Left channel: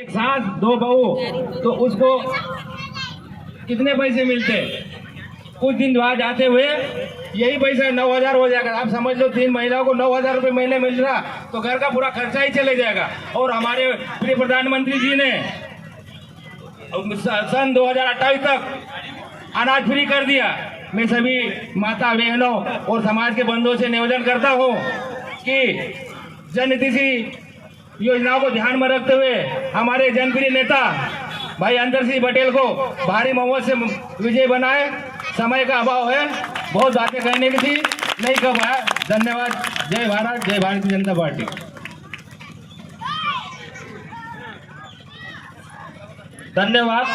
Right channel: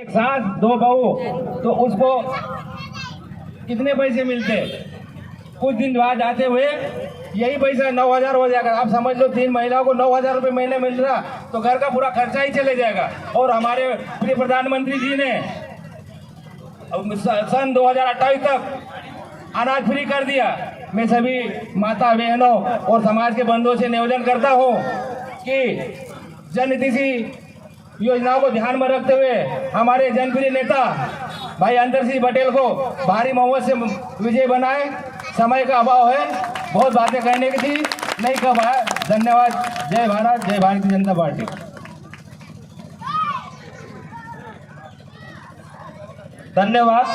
एक सास दो बहू तो उसको कितने पैसे मिलते? कुछ दिन बाद जाते हुए यही पैसा 9,000 हो जाएगा। आप समझ लो 3 महिलाओं को 9,000 रुपये महीने मिल रहा तो घर का पूरा खर्चा ही चले जाएगा। और हमारे प्रिय प्रधानमंत्री जी ने सन 2028 तक अनाज फ्री कर दिया। मैं सभी माता बहनों और समाज के बंधुओं से निवेदन करता हूँ कि जनहितैषी योजनाओं को ध्यान में रखते हुए हमारे जनप्रिय नेता भाई अंतर सिंह पटेल को भारी बहुमत से विजय बनाए। समय का अभाव है, बहुत बातें कहने की थी, नहीं कह पाया। धन्यवाद। जय भारत, जय भारतीय जनता पार्टी। धन्यवाद।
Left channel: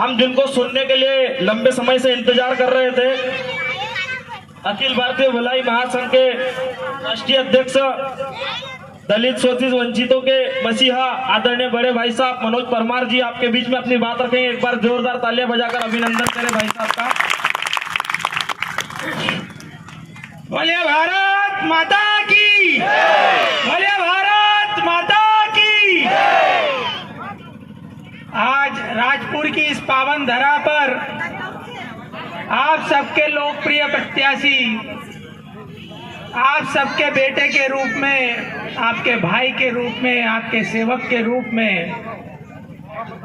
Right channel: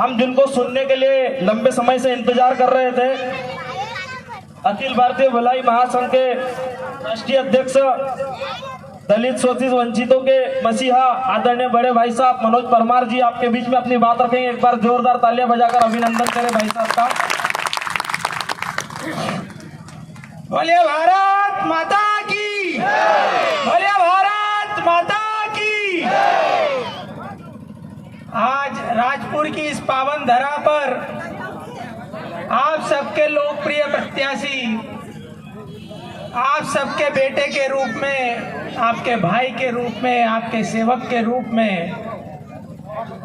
हम जिनको सुनने के लिए लंबे समय से इंतजार कर रहे थे, अखिल भारतीय भलाई महासंघ के राष्ट्रीय अध्यक्ष दलित शोषित वंचितों के मसीहा आदरणीय बड़े भाई साहब मनोज परमार जी आपके बीच में अपनी बात रखेंगे। एक बार जोरदार तालियां बजाकर अभिनंदन करें भाई साहब का। बोलिए भारत माता की, बोलिए भारत माता की। आज राजपुर की इस पावन धरा पर आप सबके लोकप्रिय प्रत्याशी, आप सबके बेटे के रूप में, आपके भाई के रूप में, आपके सेवक के रूप में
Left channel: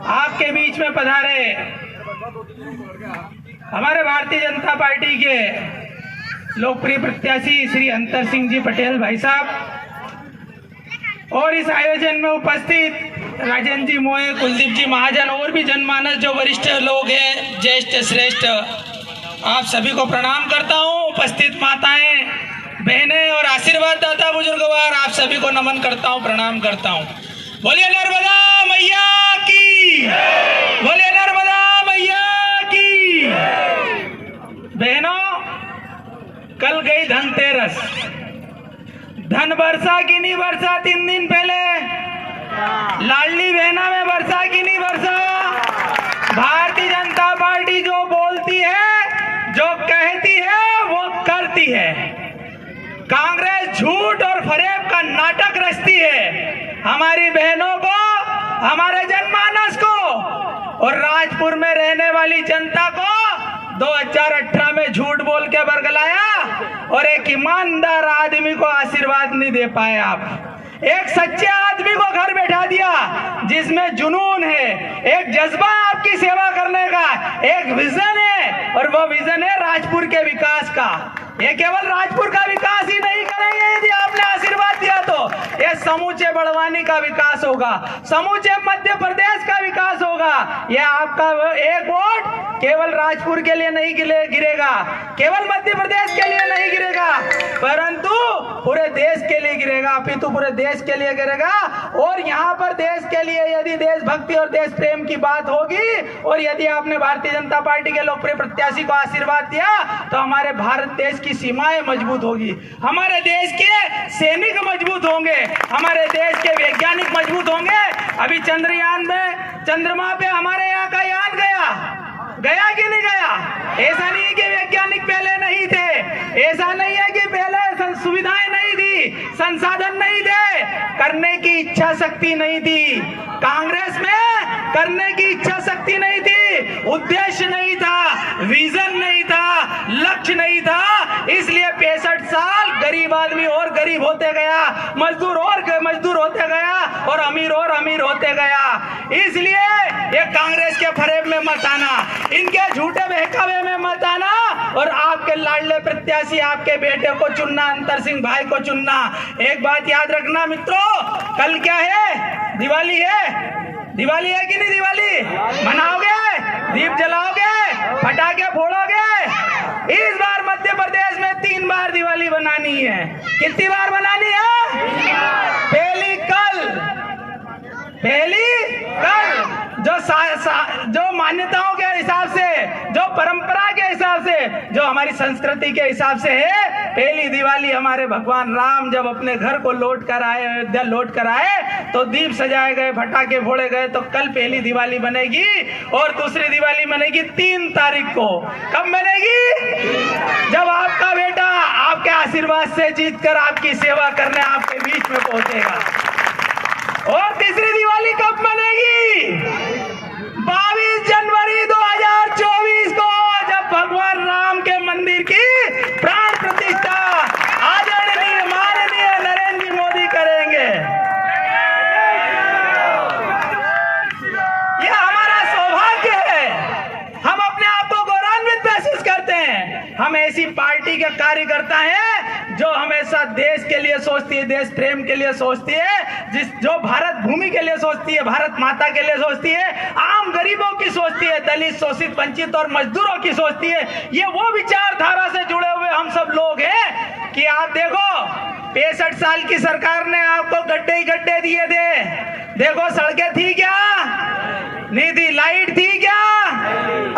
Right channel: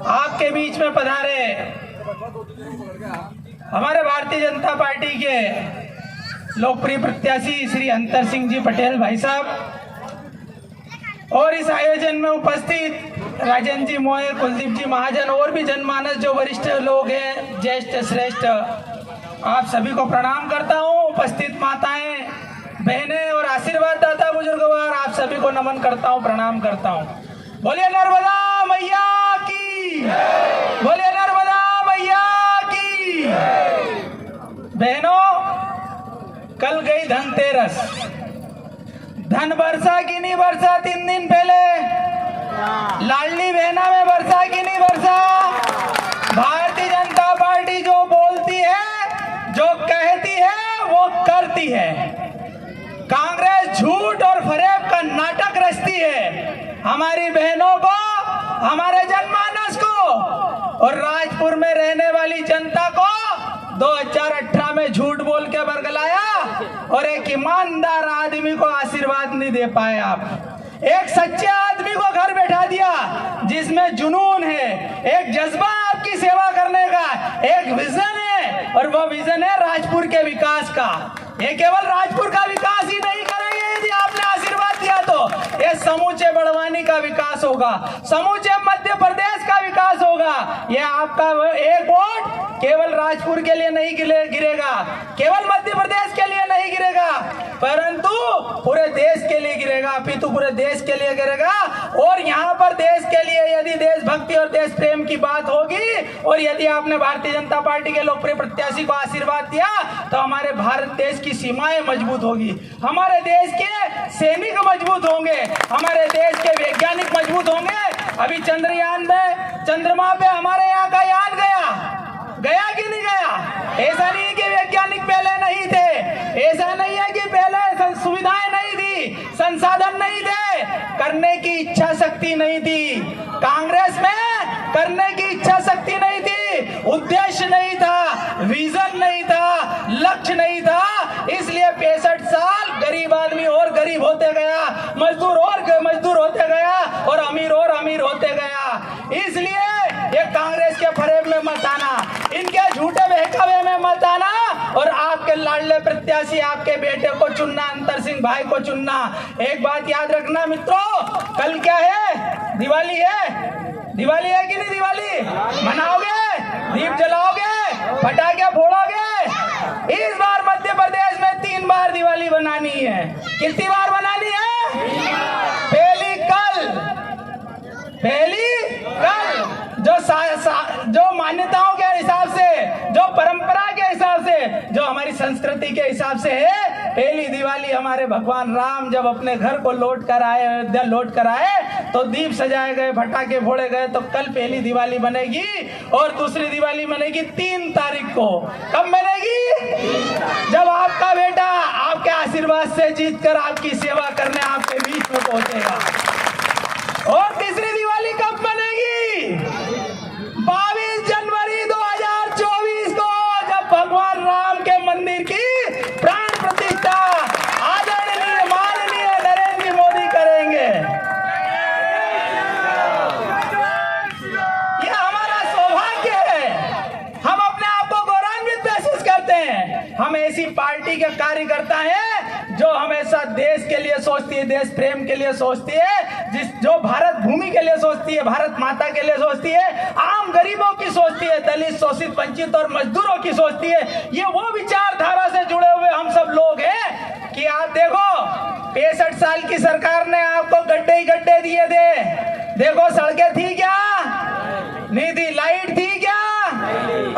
आपके बीच में पधारे हमारे भारतीय जनता पार्टी के लोकप्रिय प्रत्याशी श्री अंतर सिंह जी पटेल भाई साहब और इस आयोजन में उपस्थित राजन जी मोए, कुलदीप जी महाजन और भी जनमानस जो वरिष्ठ लोग हैं, ज्येष्ठ श्रेष्ठ, आप सभी को प्रणाम करता हूँ। उपस्थित माताएं, बहनें और आशीर्वाद दाता बुजुर्गवार, आप सभी को नमन करता हूँ, प्रणाम करता हूँ। बोलिए नर्मदा मैया की, बोलिए नर्मदा मैया की। बहनों, कल गई धनतेरस, धन बरसा कि नहीं बरसा? 3 दिन पहले लाडली बहना में बरसा कि नहीं बरसा? भारतीय जनता पार्टी जो बोलती है, जो कहती है, वो करती है। कांग्रेस झूठ और फरेब का नाटक रचती है। हमारी बहनों को, हमारे जनमानस को और राजपुर में रहने वाली जनता को 2018 में झूठ बोल के बरगलाया और एक ईमानदार आदमी को आशीर्वाद नहीं दे पाए। आप एक सच्चे आदमी को घर बैठा दिया जिसमें जुनून है, एक जज्बा आपकी सेवा करने का, एक विजन है और वो विजन है राजपुर के विकास का। ये केवल राजपुर का विकास ही नहीं करेंगे, यदि आपने आशीर्वाद दिया तो ये समूचे बड़वानी का विकास होगा, समूचे मध्य प्रदेश का विकास होगा। ये आपका एक वोट केवल राजपुर के लिए नहीं गिरेगा, केवल मध्य प्रदेश के लिए नहीं गिरेगा, परंतु पूरे देश के लिए गिरेगा, अपितु पूरे देश के लिए गिरेगा। और यहाँ पर देश के लिए यदि देशभक्ति और देश प्रेम की बात होगी और यदि आपने भारतीय जनता पार्टी के लोकप्रिय प्रत्याशी को आशीर्वाद दिया तो हमारे भारत देश की सीमाएं मजबूत होगी, हमारे देश के सैनिक मजबूत होंगे, हमारे देश के वैज्ञानिक मजबूत होंगे। अभी चंद्रयान में चंद्रमा पे हमारे यहाँ का यान गया कि नहीं गया? ऐसा नहीं है कि वैज्ञानिक पहले नहीं थे, ऐसा नहीं है कि पहले सुविधाएं नहीं थी, संसाधन नहीं थे, करने की इच्छा शक्ति नहीं थी। कांग्रेस में करने की इच्छा शक्ति नहीं थी, उद्देश्य नहीं था, विजन नहीं था, लक्ष्य नहीं था। इसलिए 65 साल गरीब आदमी और गरीब होते गया, मजदूर और मजदूर होते गया और अमीर होते गया। इसलिए ये कांग्रेस के फरेब में मत आना, इनके झूठे बहकावे में मत आना और आपके लाडले प्रत्याशी, आपके बेटे को चुनना, अंतर सिंह भाई को चुनना। एक बात याद रखना मित्रों, कल क्या है? दिवाली है। दिवाली है कि नहीं? दिवाली मनाओगे, दीप जलाओगे, पटाखे फोड़ोगे। इस बार मध्य प्रदेश में 3 बार दिवाली बनानी है। कितनी बार बनानी है? पहली कल जो मान्यताओं के हिसाब से, जो परंपरा के हिसाब से, जो हमारी संस्कृति के हिसाब से है, पहली दिवाली हमारे भगवान राम जब अपने घर को लौट कर आए, अयोध्या लौट कर आए, तो दीप सजाए गए, पटाखे फोड़े गए। तो कल पहली दिवाली बनेगी और दूसरी दिवाली बनेगी 3 तारीख को। कब बनेगी? जब आपका बेटा आपके आशीर्वाद से जीतकर आपकी सेवा करने आपके बीच में पहुंचेगा। और तीसरी दिवाली कब ऐसी पार्टी के कार्यकर्ता हैं जो हमेशा देश के लिए सोचती है, देश प्रेम के लिए सोचती है, जो भारत भूमि के लिए सोचती है, भारत माता के लिए सोचती है, आम गरीबों की सोचती है, दलित, शोषित, वंचित और मजदूरों की सोचती है। ये वो विचारधारा से जुड़े हुए हम सब लोग हैं कि आप देखो 65 साल की सरकार ने आपको गड्ढे ही गड्ढे दिए थे। देखो सड़कें थी क्या? नहीं थी। लाइट थी क्या?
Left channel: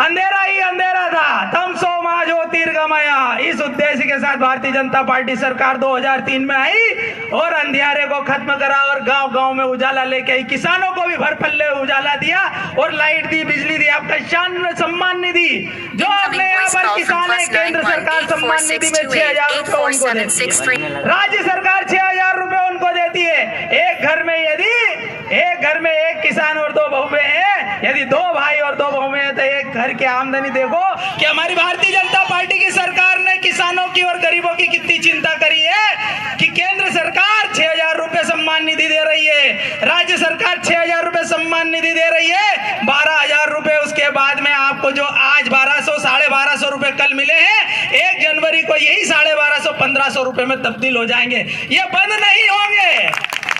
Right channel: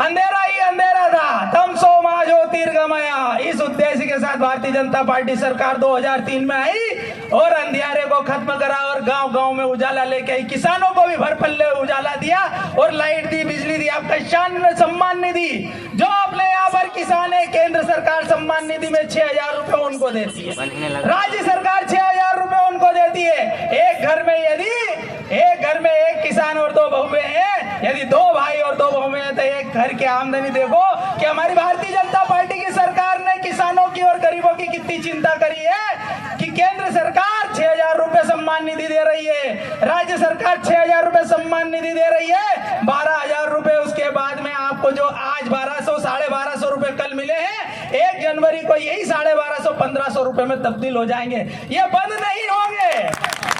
अंधेरा ही अंधेरा था। तमसो मा ज्योतिर्गमया। इस उद्देश्य के साथ भारतीय जनता पार्टी सरकार 2003 में आई और अंधियारे को खत्म करा और गांव गांव में उजाला लेके आई। किसानों को भी भर पल्ले उजाला दिया और लाइट दी, बिजली दी। आपका शान सम्मान निधि जो अगले यहाँ पर किसान है, केंद्र सरकार सम्मान निधि में 6,000 रुपए उनको देती है, राज्य सरकार 6,000 रुपए उनको देती है। एक घर में एक किसान और 2 बहुएं हैं, यदि 2 भाई और 2 बहुएं हैं तो एक घर की आमदनी देखो कि हमारी भारतीय जनता पार्टी की सरकार ने किसानों की और गरीबों की कितनी चिंता करी है कि केंद्र सरकार 6,000 रुपए सम्मान निधि दे रही है, राज्य सरकार 6,000 रुपए सम्मान निधि दे रही है, 12,000 रुपए उसके बाद में आपको जो आज 1200 1,250 रुपए कल मिले हैं, 1 जनवरी को यही 1,250 1,500 रुपए में तब्दील हो जाएंगे। ये बंद नहीं होंगे,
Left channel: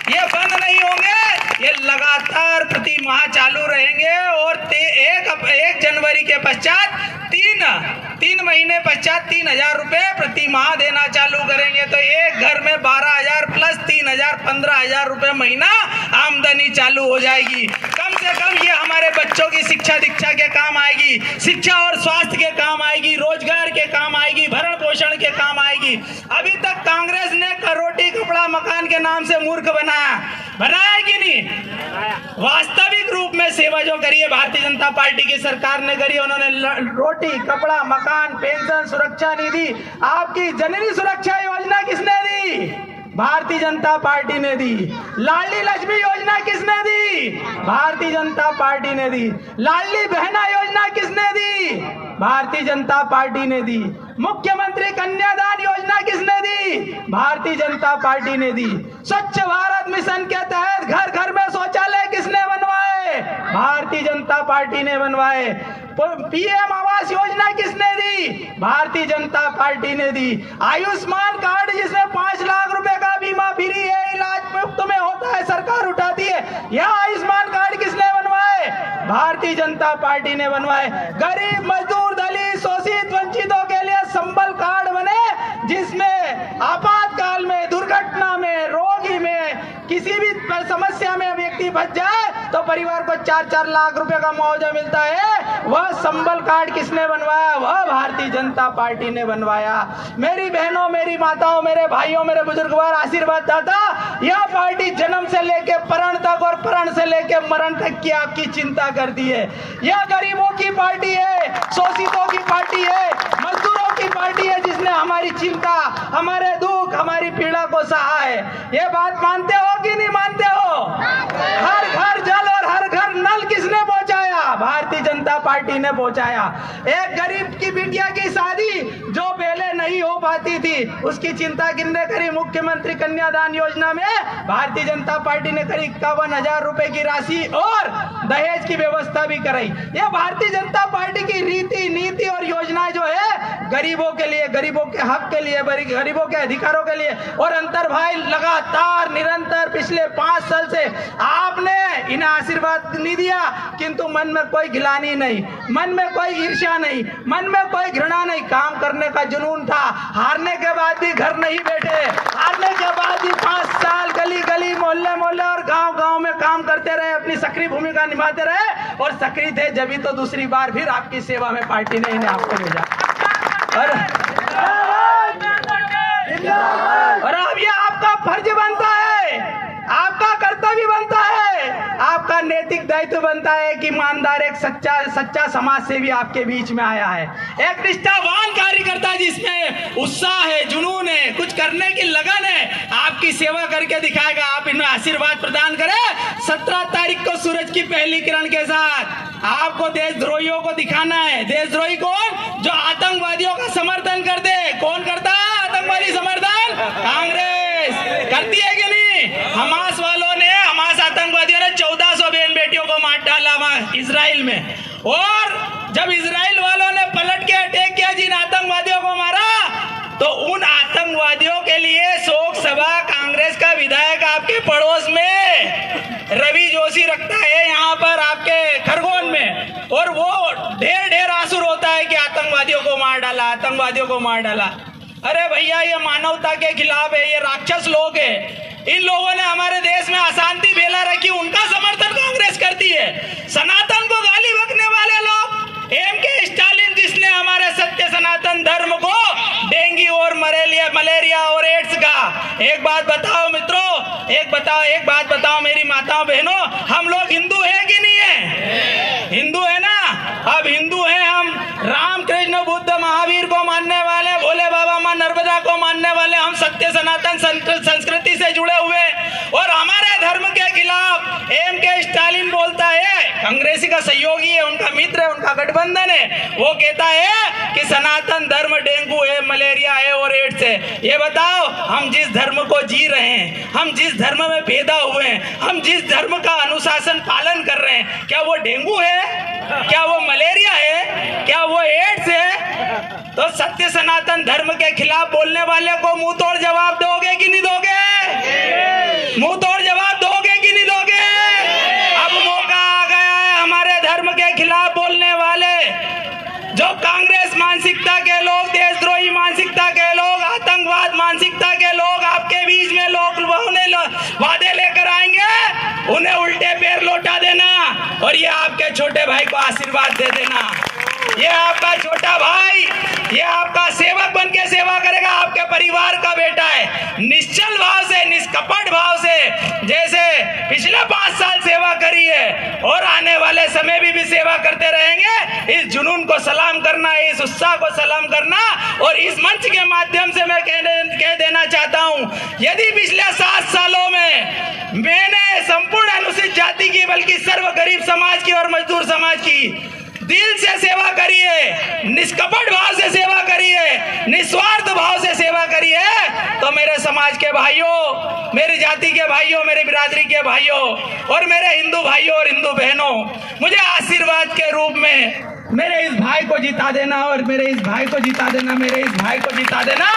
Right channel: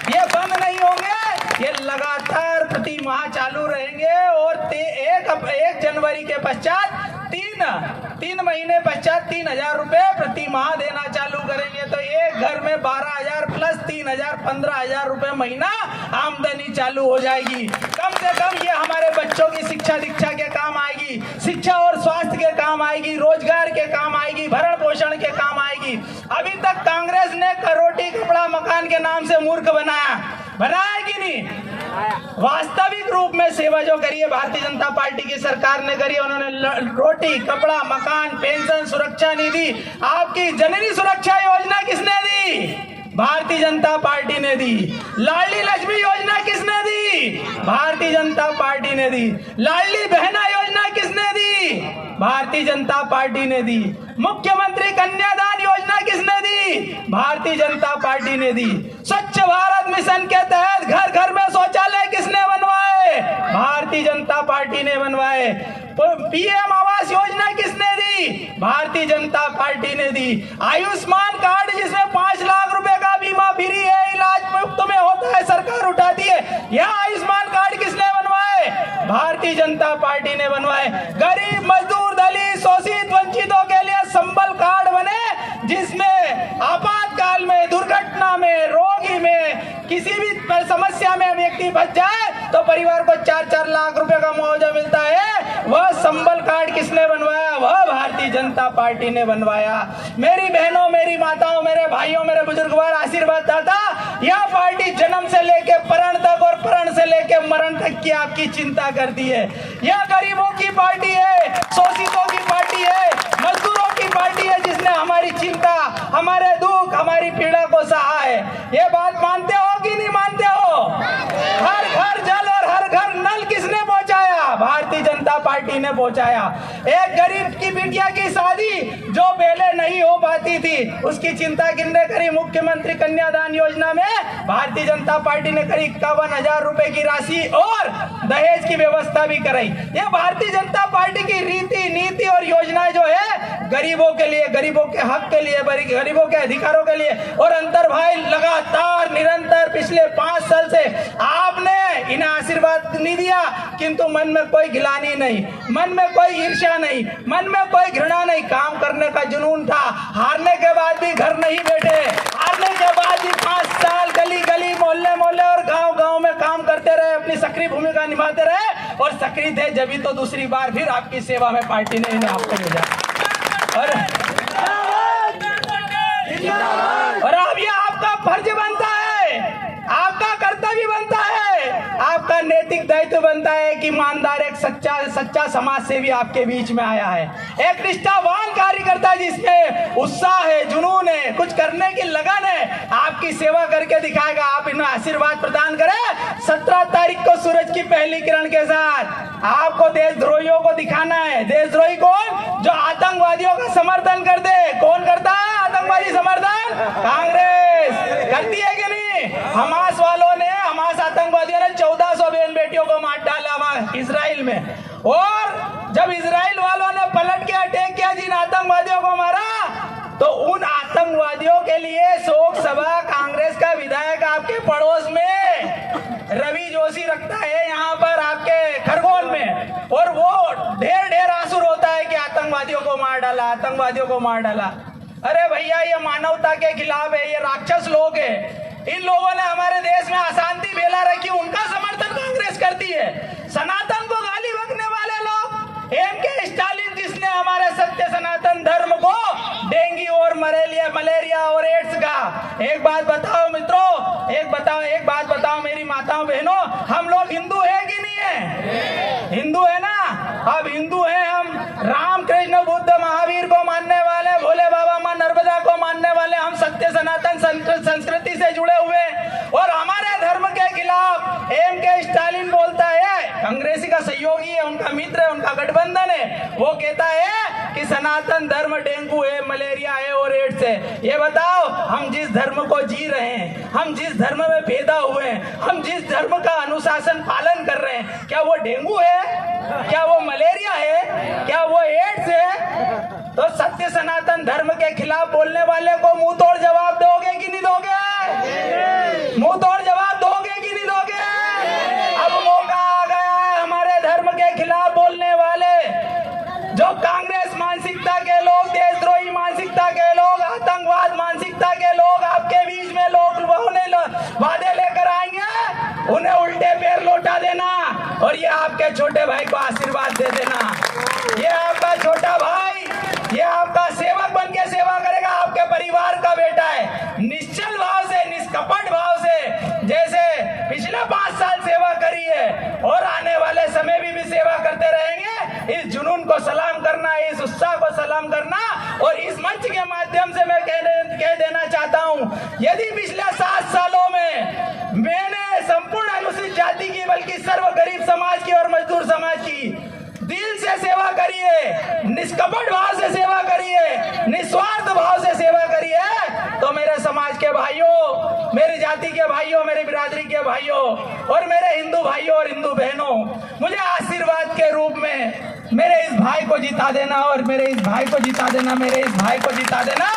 ये बंद नहीं होंगे, ये लगातार प्रति माह चालू रहेंगे और 1 जनवरी के पश्चात 3 महीने पश्चात 3,000 रुपए प्रति माह देना चालू करेंगे। तो एक घर में 12,000 प्लस 3,000 15,000 रुपए महीना आमदनी चालू हो जाएगी। कम से कम ये हमारे बच्चों की शिक्षा दीक्षा के काम आएगी, शिक्षा और स्वास्थ्य के काम आएगी, रोजगार के काम आएगी, भरण पोषण के काम आएगी। अभी तक कांग्रेस ने रोटी कपड़ा मकान के नाम से मूर्ख बनाया कि नहीं? वास्तविक रूप में सेवा जो करी है भारतीय जनता पार्टी की सरकार ने करी, उन्होंने रोटी कपड़ा मकान पेंशन सुरक्षा निधि, आपकी जननी सुरक्षा योजना किसने दी? भारतीय जनता पार्टी ने दी। लाडली लक्ष्मी योजना किसने दी? भारतीय जनता पार्टी ने दी। लाडली बहना योजना किसने दी? भारतीय जनता पार्टी ने दी। मुख्यमंत्री कन्यादान योजना किसने दी? भारतीय जनता पार्टी ने दी। स्वच्छ भारत मिशन के तहत घर घर में शौचालय किसने बनवाए? भारतीय जनता पार्टी ने बनवाए। पीएम आवास योजना किसने दी? भारतीय जनता पार्टी ने दी। आयुष्मान कार्ड जिसमें 5 लाख रुपए का बीमा फ्री है, इलाज मुफ्त में होता है, सरकार उठाती है, यह आयुष्मान कार्ड किसने बनवाए? भारतीय जनता पार्टी ने बनवाए। गरीब मजदूर दलित शोषित वंचितों के लिए संबल कार्ड बने जिसमें आपातकाल में दुर्घटना में रोगी में किसी भी समस्या में व्यक्ति फंस जाए तो परिवार को 4-4 लाख रुपए का मुआवजा मिलता है। वह संबल कार्ड किसने बनवाया? वह भारतीय जनता पार्टी ने बनवाया। मेरी बहनों मेरी माताओं मेरे भाइयों मेरे बुजुर्गवार आशीर्वाद दाता, यह पार्टी जन्म से लेके परण तक और परण से लेके मरण तक की आपकी चिंता करती है। यह गरीबों की पार्टी है, शोषितों की पार्टी है, मजदूरों की पार्टी है जिसने हमारी चिंता हमारे दुख हमारी पीड़ा को सहा है। ये बात मानते हो कि नहीं मानते हो? हर घर जल और हर घर नल किसने पहुंचाया? भारतीय जनता पार्टी ने पहुंचाया। एक गरीब की बिटिया की शादी जो पहले नहीं हो पाती थी उसकी चिंता किसने करी? मुख्यमंत्री कन्यादान योजना में भारतीय जनता पार्टी ने करी 51,000 रुपए की राशि और दहेज की व्यवस्था भी कराई। यह भारतीय जनता पार्टी की रीति नीति और योजनाएं जो है गरीबों के लिए, गरीबों के हक के लिए, गरीबों के अधिकारों के लिए। और अंतर भाई लगातार निरंतर पिछले 5 साल से आपने इन्हें आशीर्वाद नहीं दिया, किंतु मन में कोई गिलानी नहीं, मन में कोई ईर्ष्या नहीं, मन में कोई घृणा नहीं, काम करने का जुनून था। हारने के बाद भी घर नहीं बैठे, हारने के बाद भी 5 साल गली गली मोहल्ले मोहल्ले और गांव गांव में काम करते रहे, अपनी सक्रिय भूमिका निभाते रहे और सक्रिय थे जब तो दूसरी बार फिर आपकी सेवा में पार्टी ने इन्हें आपको भेजा। और अब ये आपका फर्ज बनता है, आपका कर्तव्य बनता है, आपका नैतिक दायित्व बनता है कि ईमानदार एक सच्चा समाज सेवी आपके बीच में आया है, एक निष्ठावान कार्यकर्ता जिसमें उत्साह है, जुनून है, कुछ करने की लगन है, आपकी सेवा करके दिखाएगा। आप इन्हें आशीर्वाद प्रदान करें। 17 तारीख को सूरज की पहली किरण के साथ आपको देशद्रोहियों को दिखाना है। देशद्रोही कौन? जो आतंकवादियों का समर्थन कर दे। कौन करता है आतंकवादी समर्थन? कांग्रेस करती है कि नहीं? हमास वालों ने, हमास आतंकवादियों ने 1400 बहन बेटियों को मार डाला वहां इजराइल में। और जब इजराइल वालों ने पलट के अटैक किया, जिन आतंकवादियों को मारा, माओवादियों को मार डाला। अरे भैया, ये मानवता के खिलाफ है, ये राक्षस लोग है। इन लोगों ने हमारे देश में अशांति फैला रखी, उनका समर्थन कांग्रेस करती है। सनातन को गाली बकने वाले लोग, एमके स्टालिन जिसने हमारे सत्य सनातन धर्म को डेंगू और मलेरिया और एड्स का। एक बात बताओ मित्रों, एक बात बताओ मेरी माताओं बहनों, हम लोग हिंदू है कि नहीं है? हिंदू है ना? अब हिंदू हैं हम, राम कृष्ण बुद्ध महावीर को मानने वाले, भोले बाबा माँ नर्मदा को मानने वाले, हम सत्य सनातन संस्कृति से जुड़े हुए। और हमारे धर्म के खिलाफ एमके स्टालिन बोलता है, कांग्रेसी का सहयोगी है, उनका मित्र है, उनका गठबंधन है, वो कहता है कि सनातन धर्म डेंगू है, मलेरिया है और एड्स है। ये बताओ, हम जिस धर्म को जी रहे हैं, हम जिस धर्म में पैदा हुए हैं, हम जिस धर्म का अनुशासन पालन कर रहे हैं, क्या वो डेंगू है? क्या वो मलेरिया है? क्या वो एड्स है? तो सत्य सनातन धर्म के खिलाफ बोलने वाले को मुंह तोड़ जवाब दोगे कि नहीं दोगे? मुंह तोड़ जवाब दोगे कि नहीं दोगे? अब मौका आ गया है हमारे धर्म के खिलाफ बोलने वाले, जो कांग्रेस मानसिकता के लोग, देशद्रोही मानसिकता के लोग, आतंकवाद मानसिकता के लोग आपके बीच में लोग वादे लेकर आएंगे, उन्हें उल्टे पैर लौटा देना और ये आपके छोटे भाई को आशीर्वाद दे देना। ये आपका छोटा भाई, ये आपका सेवक बन के सेवा करेगा, आपके परिवार का बेटा है। निश्चल भाव से, निष्कपट भाव से, जैसे पिछले 5 साल सेवा करी है और आने वाले समय भी सेवा करते रहेंगे, इस जुनून को सलाम करना, इस उत्साह को सलाम करना। और इस मंच के माध्यम से मैं कह देना चाहता हूं, यदि पिछले 7 सालों में मैंने संपूर्ण अनुसूचित जाति की, बल्कि सर्व गरीब समाज की और मजदूर समाज की दिल से सेवा करी है, निष्कपट भाव से सेवा करी है, निस्वार्थ भाव से सेवा करी है, तो मेरे समाज के भाइयों, मेरी जाति के भाइयों, मेरी बिरादरी के भाइयों और मेरे हिंदू भाइयों और हिंदू बहनों, मुझे आशीर्वाद के रूप में मेरे इस भाई को जिता देना और मेरे इस भाई को जिता देना, मेरे इस भाई को जिता देना।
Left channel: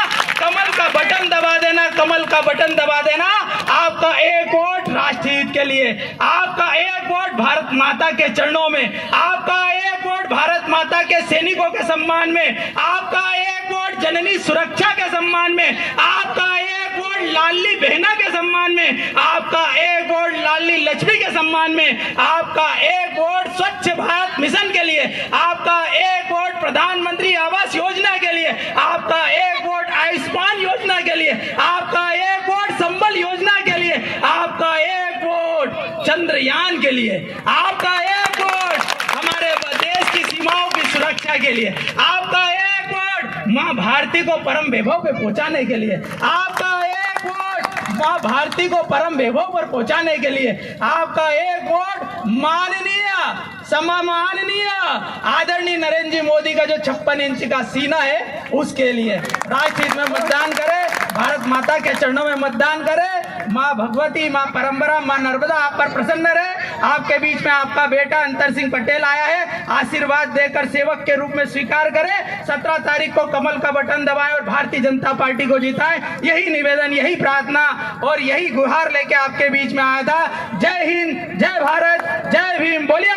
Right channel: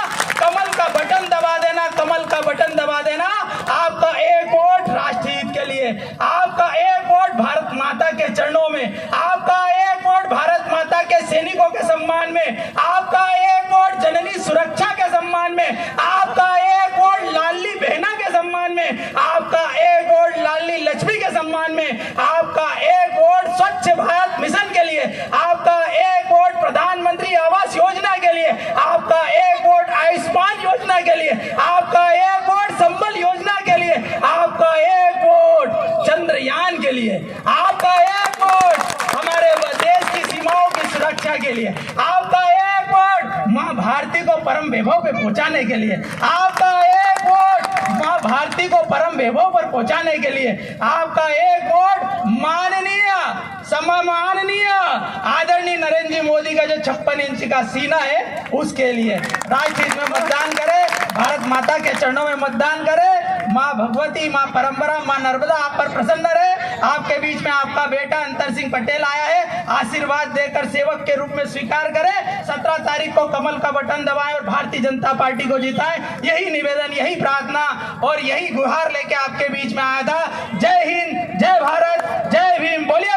कमल का बटन दबा देना, कमल का बटन दबा देना। आपका एक वोट राष्ट्र हित के लिए, आपका एक वोट भारत माता के चरणों में, आपका एक वोट भारत माता के सैनिकों के सम्मान में, आपका एक वोट जननी सुरक्षा के सम्मान में, आपका एक वोट लाडली बहना के सम्मान में, आपका एक वोट लाडली लक्ष्मी के सम्मान में, आपका एक वोट स्वच्छ भारत मिशन के लिए, आपका एक वोट प्रधानमंत्री आवास योजना के लिए, आपका एक वोट आयुष्मान योजना के लिए, आपका एक वोट संबल योजना के लिए, आपका एक वोट चंद्रयान के लिए, आपका एक वोट हमारे देश की सीमाओं की सुरक्षा के लिए, आपका एक वोट माँ भारती को परम वैभव पे पहुंचाने के लिए, आपका एक वोट माँ भारती को परम वैभव पर पहुंचाने के लिए, आपका एक वोट माननीय सम्माननीय आदरणीय नरेंद्र जी मोदी का जो 56 इंच का सीना है उसके लिए। राष्ट्र हित में मतदान करें, भारत माता के चरणों में मतदान करें। माँ भगवती, माँ परंपरा, माँ नर्मदा आप पर प्रसन्न रहे। आपके बीच में आपका बेटा अंतर सिंह पटेल आया है, आशीर्वाद देकर सेवक के रूप में स्वीकार करें। 17 तारीख को कमल का बटन दबाएं और भारतीय जनता पार्टी को जिताएं। यही निवेदन, यही प्रार्थना और यही गुहार लेके आपके बीच में आया था। जय हिंद, जय भारत, जय भीम। बोलिए